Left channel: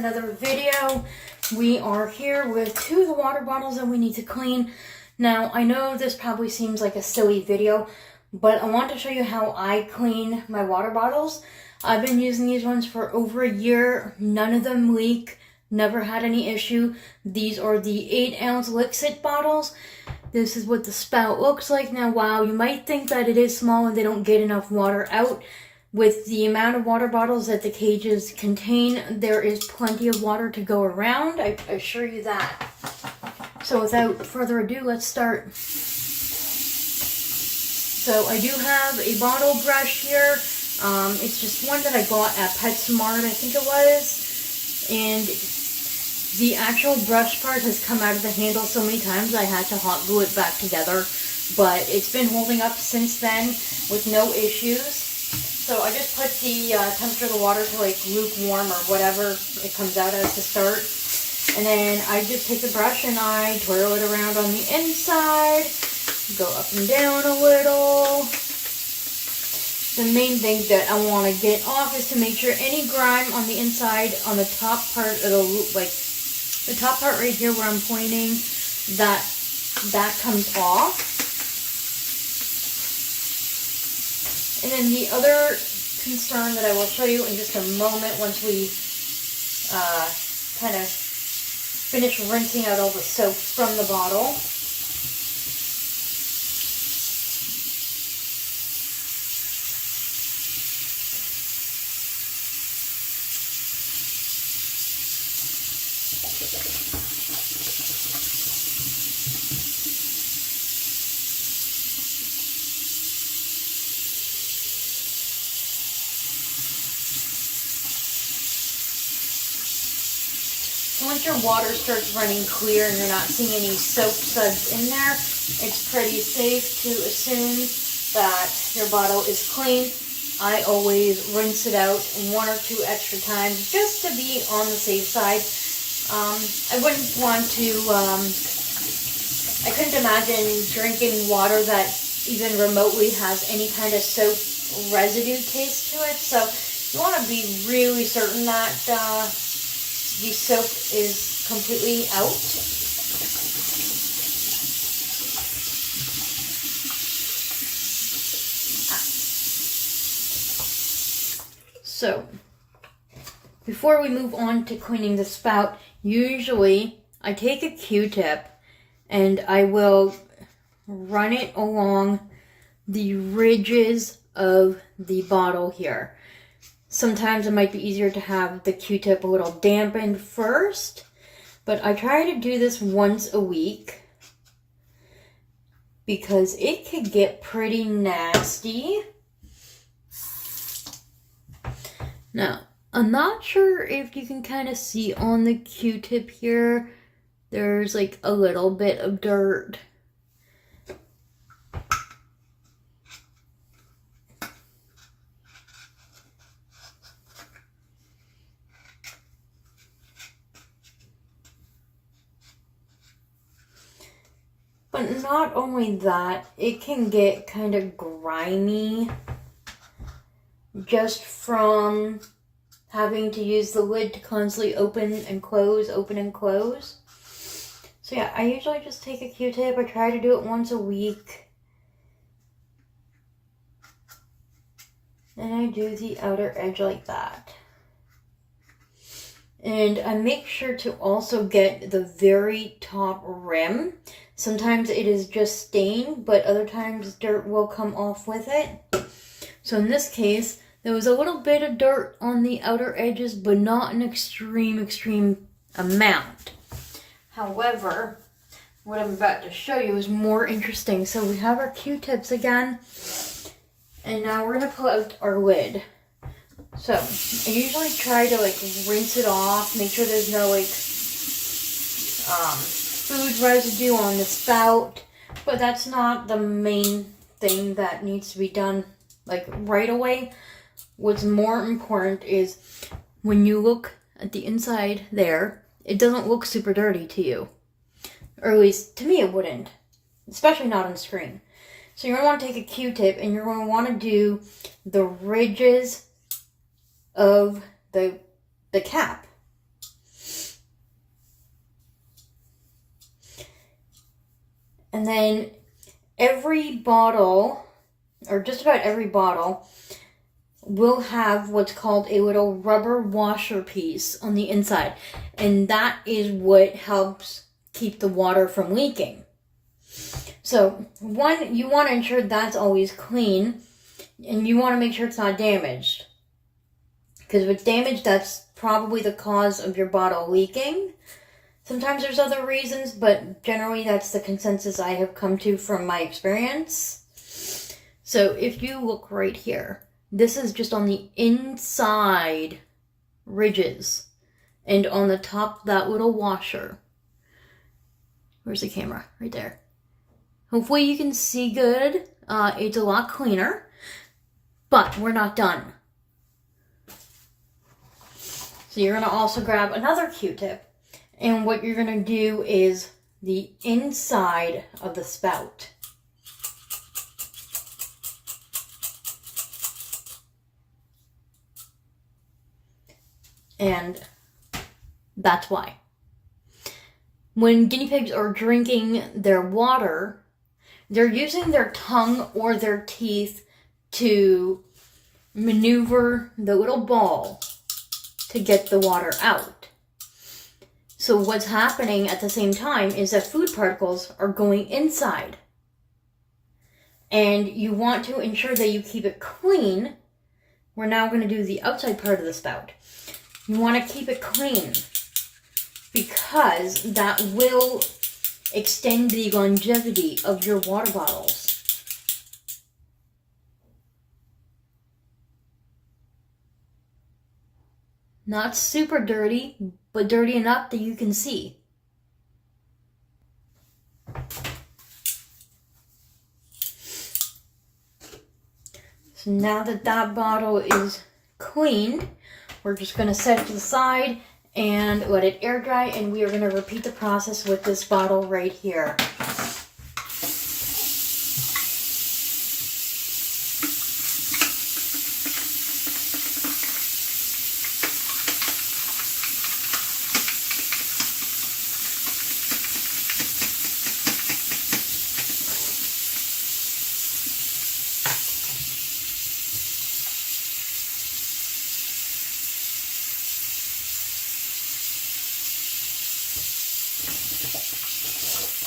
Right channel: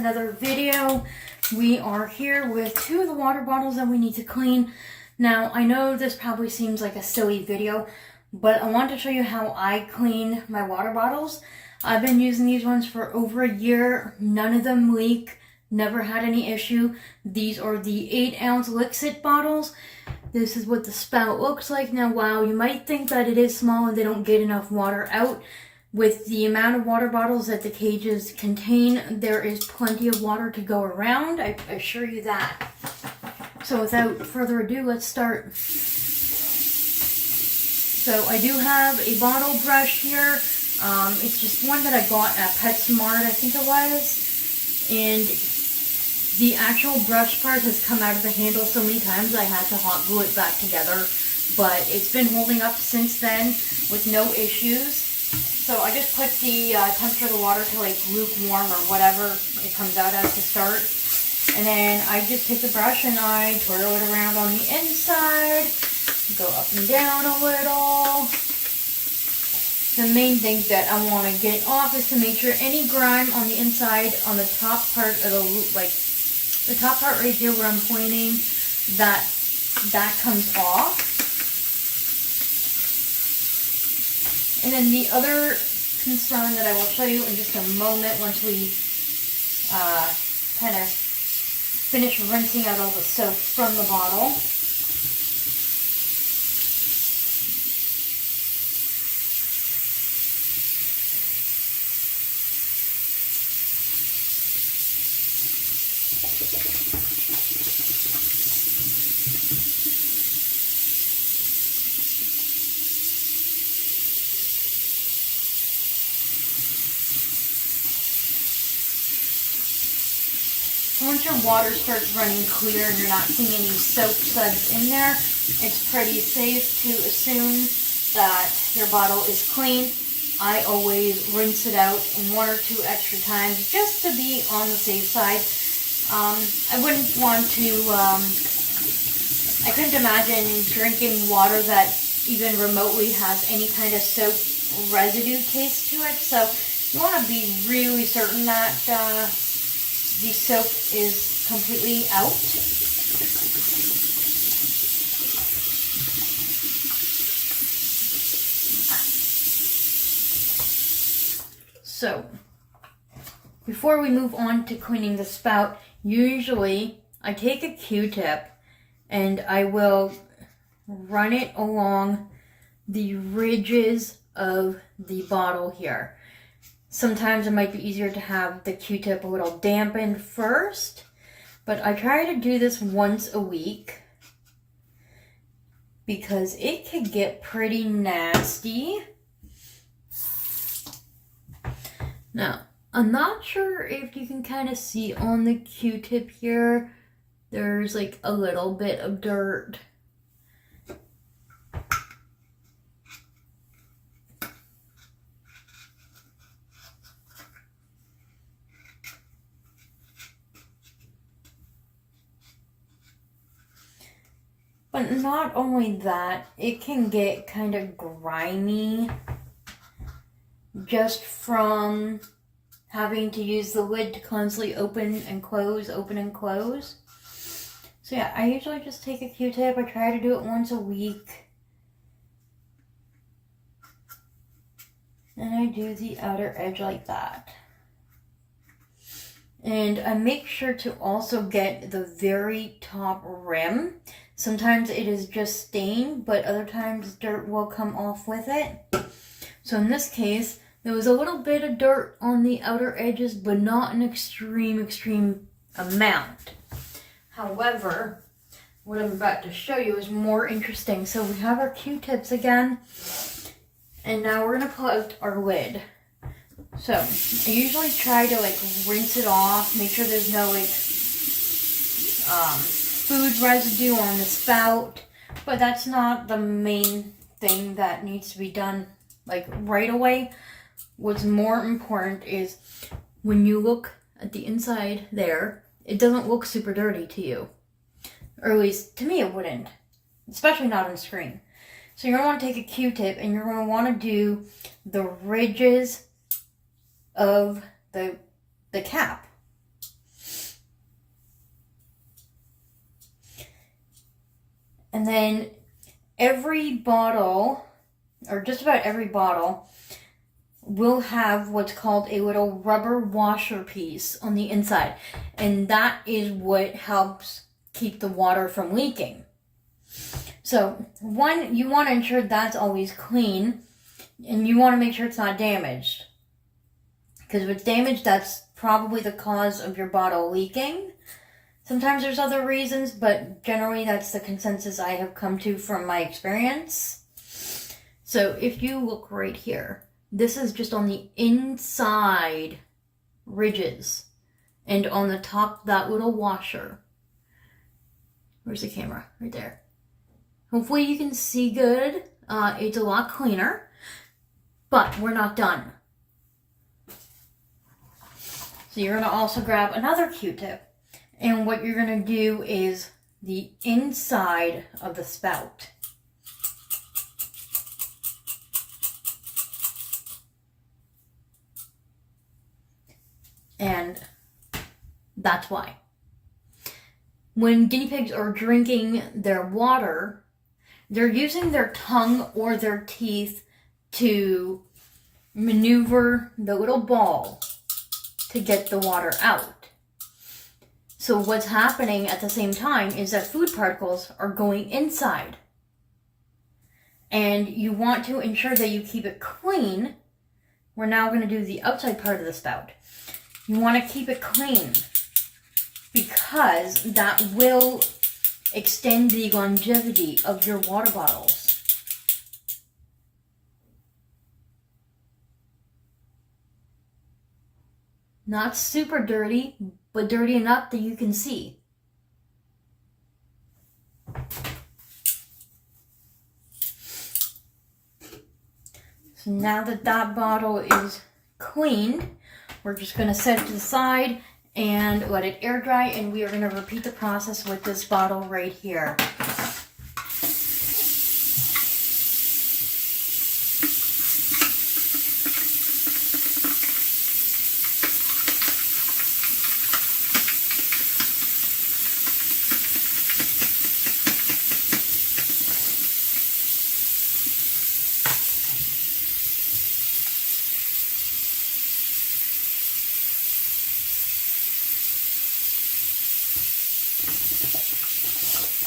another video. We are here with 2 of the water bottles that we need to clean. Now, I know this probably seems like a silly video, but I want to show you how I clean my water bottles. I've been using these ones for over a year. None of them leak. Never had any issue. These are the 8-ounce Lixit bottles. This is what the spout looks like. Now, wow, you might think that it is small and they don't get enough water out. With the amount of water bottles that the cages contain, there is plenty of water to go around. I assure you that. So without further ado, let's start. So I do have a bottle brush here. It's just one that I got at PetSmart, I think it was. And the actual brush part has come out of the handle so many times I had to hot glue it back together. But it's been holding up since then with no issues. So I just put the temperature of the water to like lukewarm or whatever it comes out as to start. And then I just take the brush and I twirl it around on the inside. Go up and down a little. The main thing that I want to get off is to make sure any grime on the inside, on the top part of the loop, like the top part right here where I'm pointing, that comes off. And then the other concern that I will show you in just a moment once we kind of finish rinsing out all the soap from the bottle. Once your water starts running clear and you're not seeing any soap suds in there, it's pretty safe to assume that your bottle is clean. I always rinse it out 1 or 2 extra times just to be on the safe side. I wouldn't want to, I couldn't imagine drinking water that even remotely has any kind of soap residue taste to it. So you want to be really certain that the soap is completely out. So, before we move on to cleaning the spout, usually I take a Q-tip and I will run it along the ridges of the bottle here. Sometimes it might be easier to have the Q-tip a little dampened first, but I try to do this once a week because it could get pretty nasty. Now, I'm not sure if you can kind of see on the Q-tip here, there's like a little bit of dirt. But not only that, it can get kind of grimy just from having to use the lid to constantly open and close. So yeah, I usually just take a Q-tip. I try to do it once a week. And I do the outer edge like that. And I make sure to also get the very top rim. Sometimes it is just stain, but other times dirt will come off with it. So in this case, there was a little bit of dirt on the outer edges, but not an extreme amount. However, what I'm about to show you is more interesting. So we have our Q-tips again, and now we're gonna pull out our lid. So I usually try to like rinse it off, make sure there's no like food residue on the spout, but that's not the main thing that needs to be done like right away. What's more important is when you look at the inside there, it doesn't look super dirty to you. Or at least to me it wouldn't, especially not on screen. So you're going to want to take a Q-tip and you're going to want to do the ridges of the cap. And then every bottle, or just about every bottle, will have what's called a little rubber washer piece on the inside. And that is what helps keep the water from leaking. So, one, you want to ensure that's always clean, and you want to make sure it's not damaged. Because if it's damaged, that's probably the cause of your bottle leaking. Sometimes there's other reasons, but generally that's the consensus I have come to from my experience. So if you look right here, this is just on the inside ridges and on the top, that little washer. Where's the camera? Right there. Hopefully you can see good. It's a lot cleaner, but we're not done. So you're going to also grab another Q-tip, and what you're going to do is the inside of the spout. And that's why. When guinea pigs are drinking their water, they're using their tongue or their teeth to maneuver the little ball to get the water out. So what's happening at the same time is that food particles are going inside. And you want to ensure that you keep it clean. We're now going to do the outside part of the spout. You want to keep it clean because that will extend the longevity of your water bottles. Not super dirty, but dirty enough that you can see. So now that that bottle is cleaned, we're just going to set it to the side and let it air dry, and we are going to repeat the process with this bottle right here.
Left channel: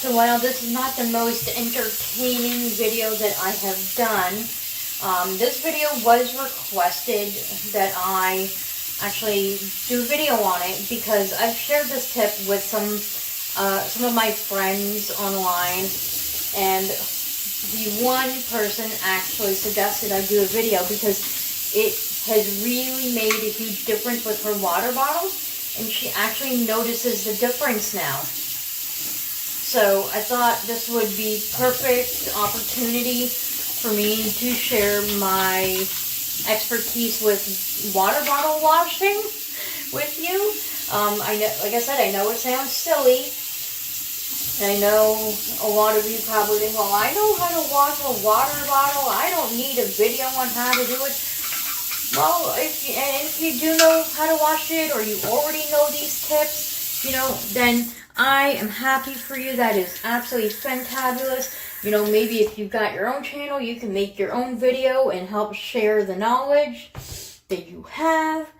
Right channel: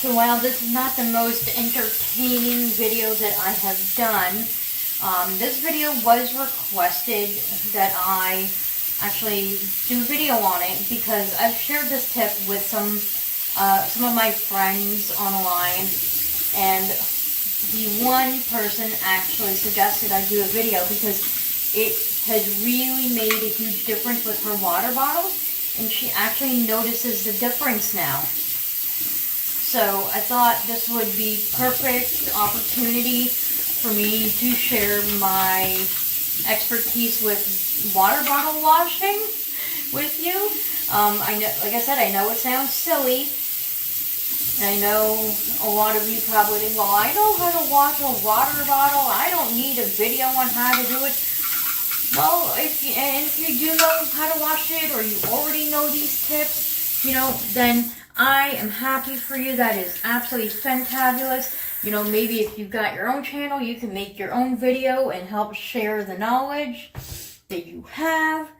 So while this is not the most entertaining video that I have done, this video was requested that I actually do a video on it because I've shared this tip with some of my friends online, and the one person actually suggested I do a video because it has really made a huge difference with her water bottles, and she actually notices the difference now. So I thought this would be perfect opportunity for me to share my expertise with water bottle washing with you. I know, like I said, I know it sounds silly. I know a lot of you probably think, well, I know how to wash a water bottle. I don't need a video on how to do it. Well, if you do know how to wash it, or you already know these tips, then I am happy for you. That is absolutely fantabulous. Maybe if you've got your own channel, you can make your own video and help share the knowledge that you have.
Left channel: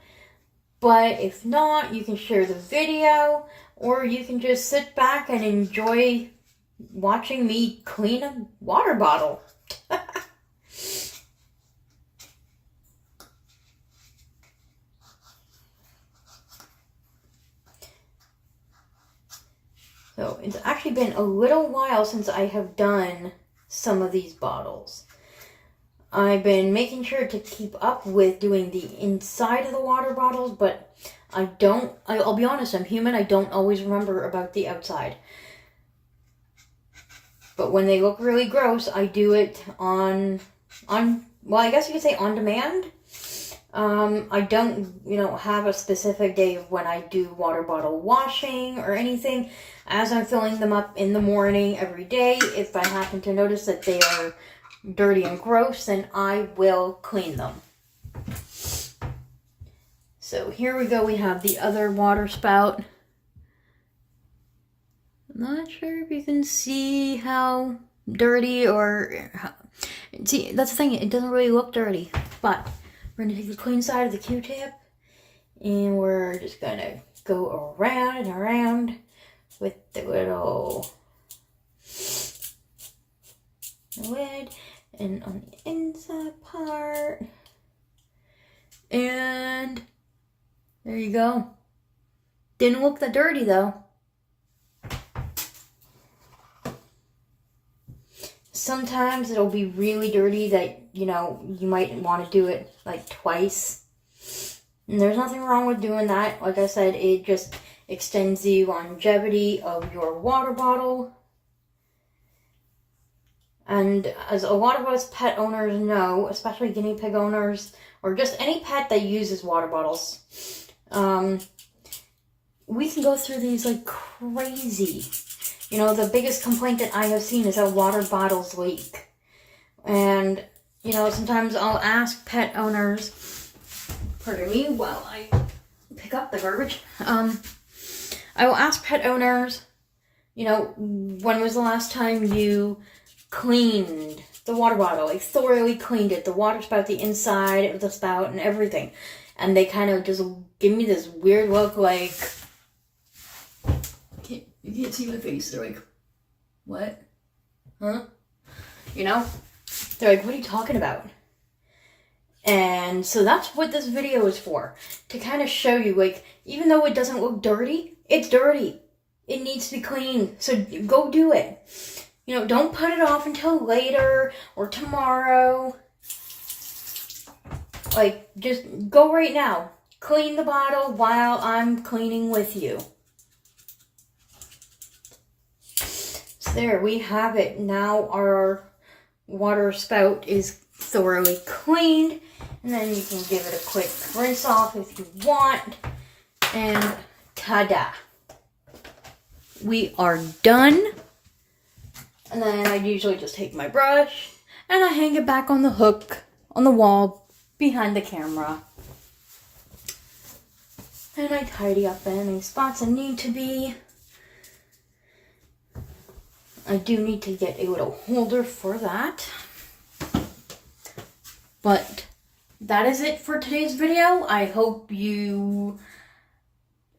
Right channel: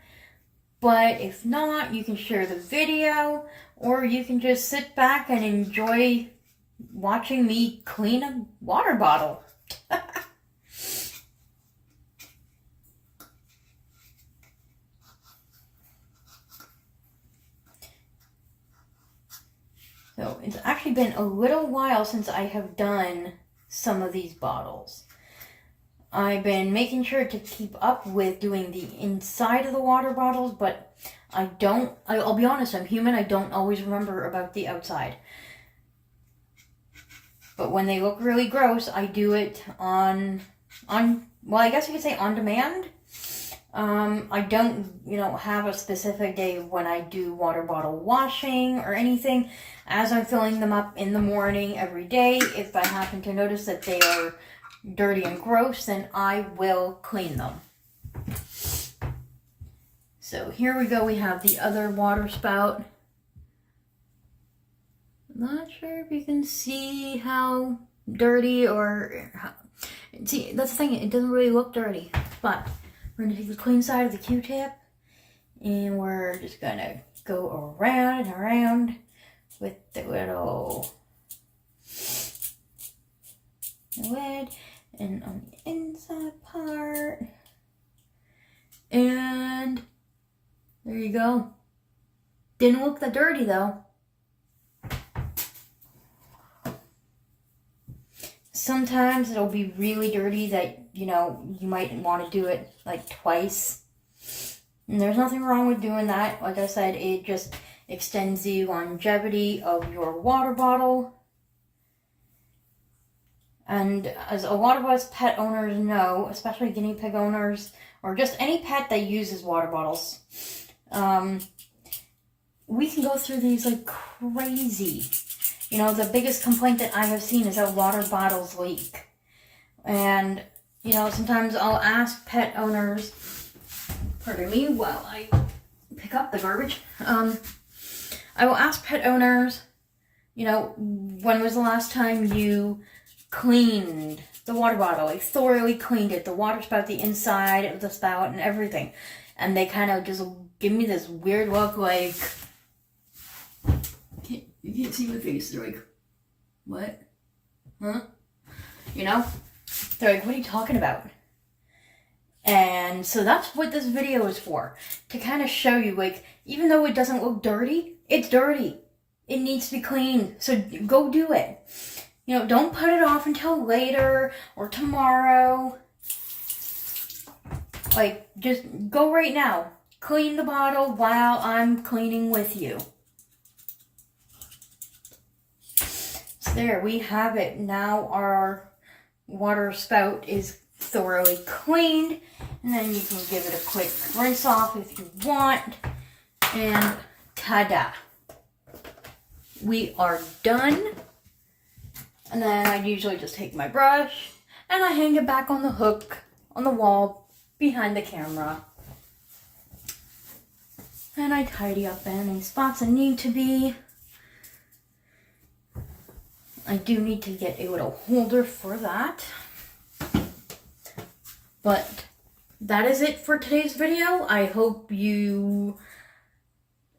But if not, you can share the video, or you can just sit back and enjoy watching me clean a water bottle. So it's actually been a little while since I have done some of these bottles. I've been making sure to keep up with doing the inside of the water bottles, but I'll be honest, I'm human, I don't always remember about the outside. But when they look really gross, I do it well, I guess you could say on demand. I don't, have a specific day when I do water bottle washing or anything. As I'm filling them up in the morning every day, if I happen to notice that they are dirty and gross, then I will clean them. So here we go. We have the other water spout. I'm not sure if you can see how dirty or how... See, that's the thing, it doesn't really look dirty. But we're gonna take the clean side of the Q-tip and we're just gonna go around and around with the little lid and on the inside part. And there you go. Didn't look that dirty though. Sometimes it'll be really dirty that, you know, you might want to do it like twice. And there's nothing wrong with doing that. Like I said, it just extends the longevity of your water bottle. And as a lot of us pet owners know, especially guinea pig owners, or just any pet that uses water bottles, we can go through these like crazy. You know, the biggest complaint that I have seen is that water bottles leak. And, you know, sometimes I'll ask pet owners, pardon me while I pick up the garbage. I will ask pet owners, you know, when was the last time you cleaned the water bottle? Like thoroughly cleaned it, the water spout, the inside of the spout and everything. And they kind of just give me this weird look like... You can't see my face. They're like, what? Huh? You know? They're like, what are you talking about? And so that's what this video is for. To kind of show you, like, even though it doesn't look dirty, it's dirty. It needs to be cleaned. So go do it. You know, don't put it off until later or tomorrow. Like, just go right now. Clean the bottle while I'm cleaning with you. There we have it. Now our water spout is thoroughly cleaned. And then you can give it a quick rinse off if you want. And ta-da! We are done. And then I usually just take my brush and I hang it back on the hook on the wall behind the camera. And I tidy up any spots that need to be. I do need to get a little holder for that. But that is it for today's video. I hope you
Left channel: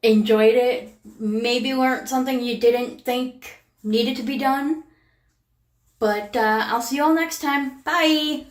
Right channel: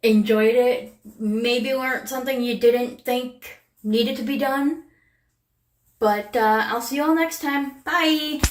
enjoyed it. Maybe learned something you didn't think needed to be done. But I'll see you all next time. Bye!